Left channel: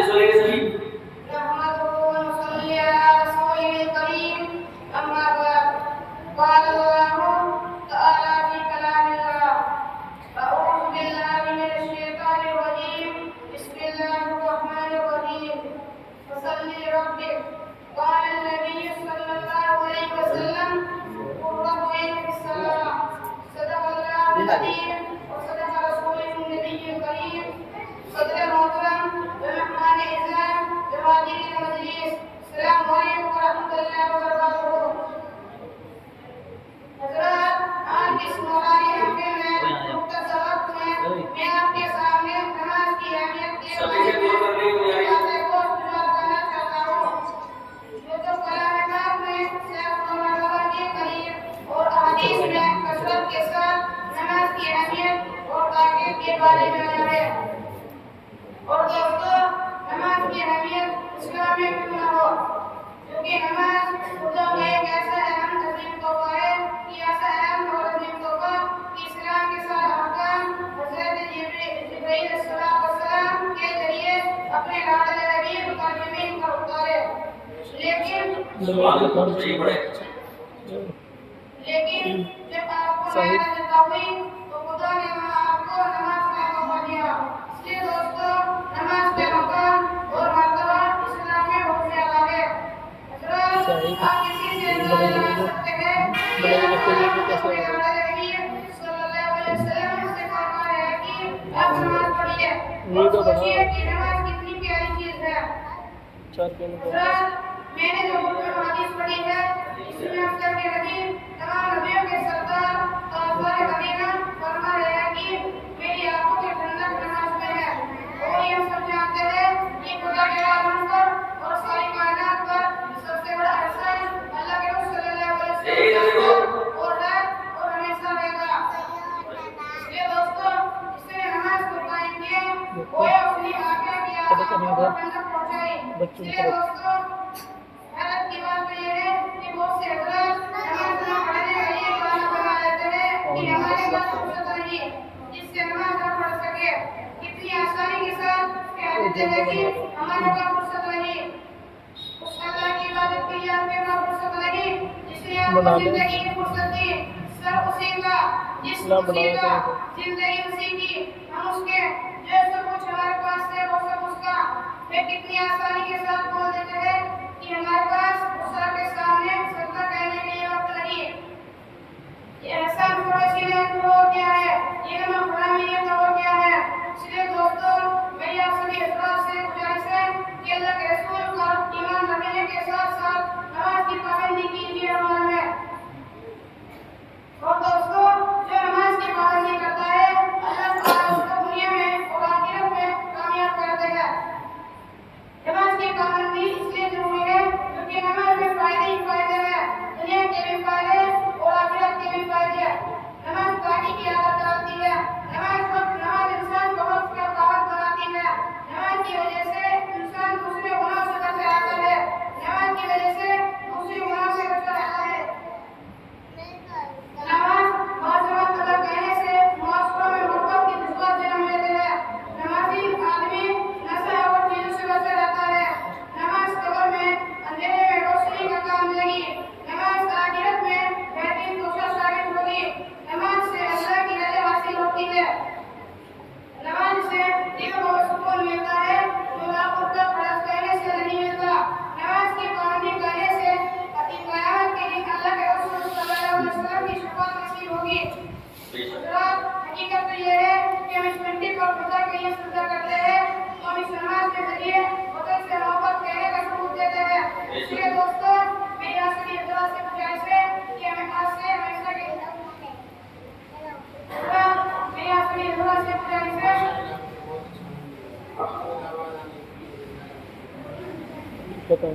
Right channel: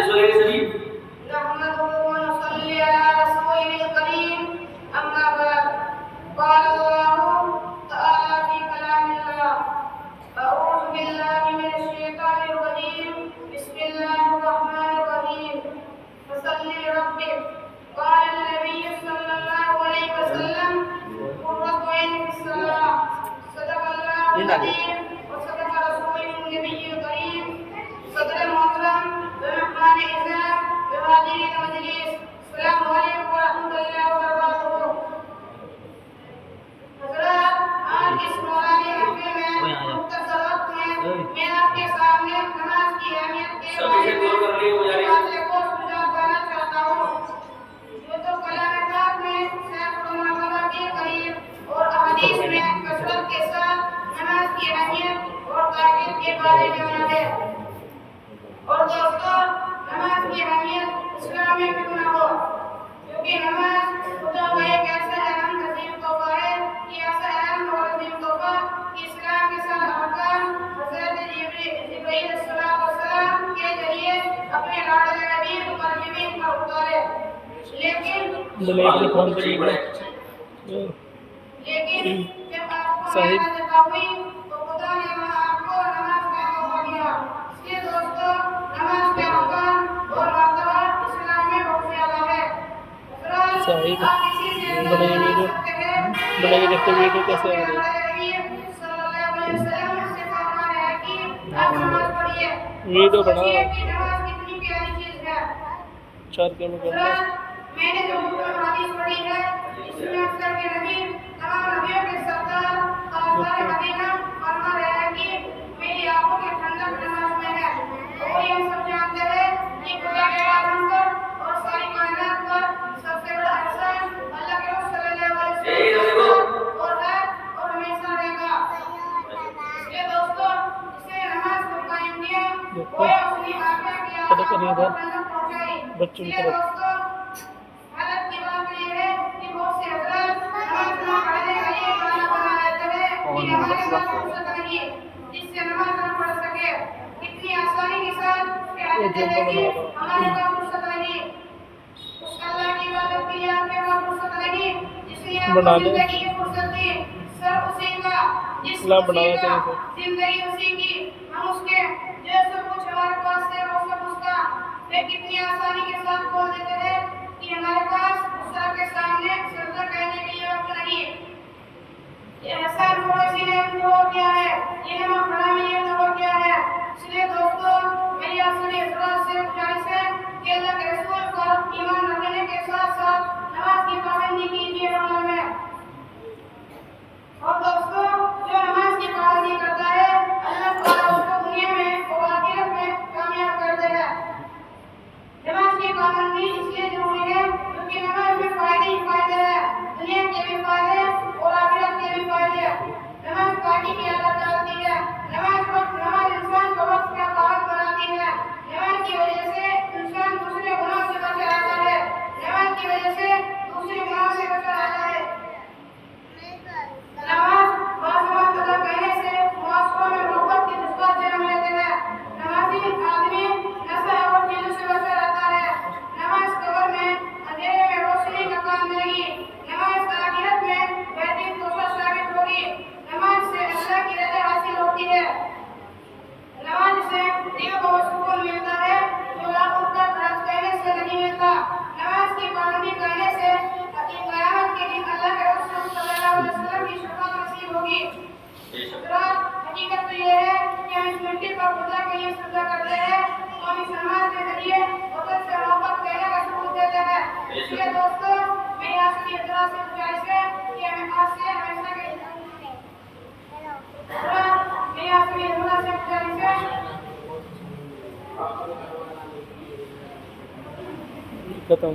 نحمده ونصلي على رسوله الكريم أما بعد قال الله تعالى في كلام الله أعوذ بالله من الشيطان الرجيم بسم الله الرحمن الرحيم فصل لربك قال النبي صلى الله عليه وسلم قرة عين في الصلاة صدق الله العظيم وصدق رسوله النبي الكريم صدر محترم ومهمان اعزام وحاضرین مجلس السلام علیکم ورحمۃ اللہ وبرکاتہ۔ حضرات آج اس مولانا ہفتے میں مختصر وقت میں آپ کے سامنے نماز کی اہمیت کے بارے میں باتیں کو گزار کرنا چاہتا ہوں، جو تو کلام پاک میں سیکڑوں مرتبہ کے قریب اور احادیث میں کثرت کے ساتھ نماز کی اہمیت اور تاکید کے بارے میں ہے۔ اور دوستو، نماز کی اہمیت اسلام میں کیوں نہ ہو، کیونکہ نماز خدا کا ایک ایسا اہم عظیم تحفہ ہے کہ ایسا اہم اور عظیم تحفہ کہ اسلام کے سارے ارکان حضرت جبرائیل السلام کے ذریعے اپنے لاڈلے حبیب پر زمین پر اتارے، لیکن جب آپ کو صحیح ہوئی تو خدا نے آپ کو نماز کا تحفہ دیا۔ اس لیے دوستو، نماز کے مقام اور مرتبہ اسلام میں بہت زیادہ ہے۔ حضرات آپ کسی سے بڑے سکتے ہیں کہ صلی اللہ علیہ وسلم سے فرمایا ہے کہ آپ نماز پڑھیے، اور سوچیے کہ نماز کتنی پیاری چیز ہے۔ حضرات میں نے جو حدیث پڑھی ہے اس میں اکثر کے نبی تمام نبیوں کے سردار تاجدار مدینہ فرما رہے ہیں کہ میری آنکھوں کی ٹھنڈک نماز میں ہے، اور یہ ہم سب جانتے ہیں کہ خدا کے عالم پر اور ساری کائنات پر سب سے بڑا احسان اللہ کے رسول صلی اللہ علیہ وسلم اور ہے اور ہمیشہ رہے گا۔ اس لیے دوستو، اس نے نماز کو قائم کیا، کوئی اپنی آنکھیں کی آنکھوں کو ٹھنڈک پہنچائی۔ اس لیے دوستو، حالت کی بات یہ ہے کہ بہت سے حضرات نماز نہ پڑھنے کا یہ بہانہ بنا لیتے ہیں کہ ہمارے پاس فرصت نہیں جس سے نماز نہ پڑھ سکے۔ اتنی آسانی کے ساتھ کہتے ہیں کہ ہمارے پاس فرصت نہیں، اس اللہ کی عبادت کے لیے آپ کے پاس فرصت نہیں جس نے آپ کو زندگی کی فرصت دی، سر اسی کا، جسم اسی کا، زندگی اسی کی، ہم اس کے جو سب کچھ ہمارے پاس ہے وہ سب اس کا، لیکن کتنی آسانی کے ساتھ بول دیتے ہیں کہ ہمارے پاس غصہ کے سامنے سجدہ کرنے کے لیے وقت نہیں۔ یہ احسان پڑوسی نے تو ہو گیا ہے، یہ نماز پڑھنا میں یہ تو ہو گیا ہے۔ اس لیے دوستو، میری آپ سبھی حضرات سے گزارش ہے کہ اللہ کے رسول پر ایمان رکھنے کے ساتھ ساتھ نماز کی پابندی کیجیے عمل میں۔ اور دوستو، جو نماز کی پابندی کرتا ہے اللہ تعالیٰ اس کو دنیا میں اور آخرت میں کامیاب کرتا ہے۔ نماز کی پابندی اس لیے ضروری ہے کیونکہ نماز میں فائدے ہی فائدے ہیں، دنیا کے بھی فائدے اور آخرت کے بھی فائدے ہیں۔ نماز پاکی کی عادت ڈالتی ہے، نماز انسان کو وقت کا پابند بناتی ہے، نماز کی وجہ سے انسان دوسرے گناہوں سے بچ جاتا ہے، نماز کی وجہ سے دوسرے گناہوں سے بچ جاتا ہے۔ نماز بعض وقت ادا کرنے سے معاشروں میں محبت کے جذبات جنم لیتے ہیں۔ نمازی آدمی نشے اور چیزوں سے بچا رہتا ہے۔ نماز قبر میں اندھیرے میں روشنی کا کام لگی، نماز آخرت میں بہترین توشہ ثابت ہوگی، نماز سے اللہ کی رضا حاصل ہوتی ہے، نماز سے دل کو سکون ملتا ہے جو لاکھوں روپے خرچ کرنے سے نہیں ملتا۔ نماز کی پابندی کرنے سے قیامت کے دن اللہ کے رسول صلی اللہ علیہ وسلم کی شفاعت نصیب ہوگی۔ حضرات، حقیقت تو یہ ہے کہ ہم اس مٹی پر خدا کے لیے سجدہ کرتے ہیں، ہم اس نماز کے ذریعے وطن سے محبت کرنے کا ثبوت دیتے ہیں۔ اس لیے دوستو، میری آپ سبھی حضرات سے گزارش ہے کہ ہمیں آج سے ہمیشہ کے حضرات، میری آپ سبھی حضرات سے گزارش ہے ختم.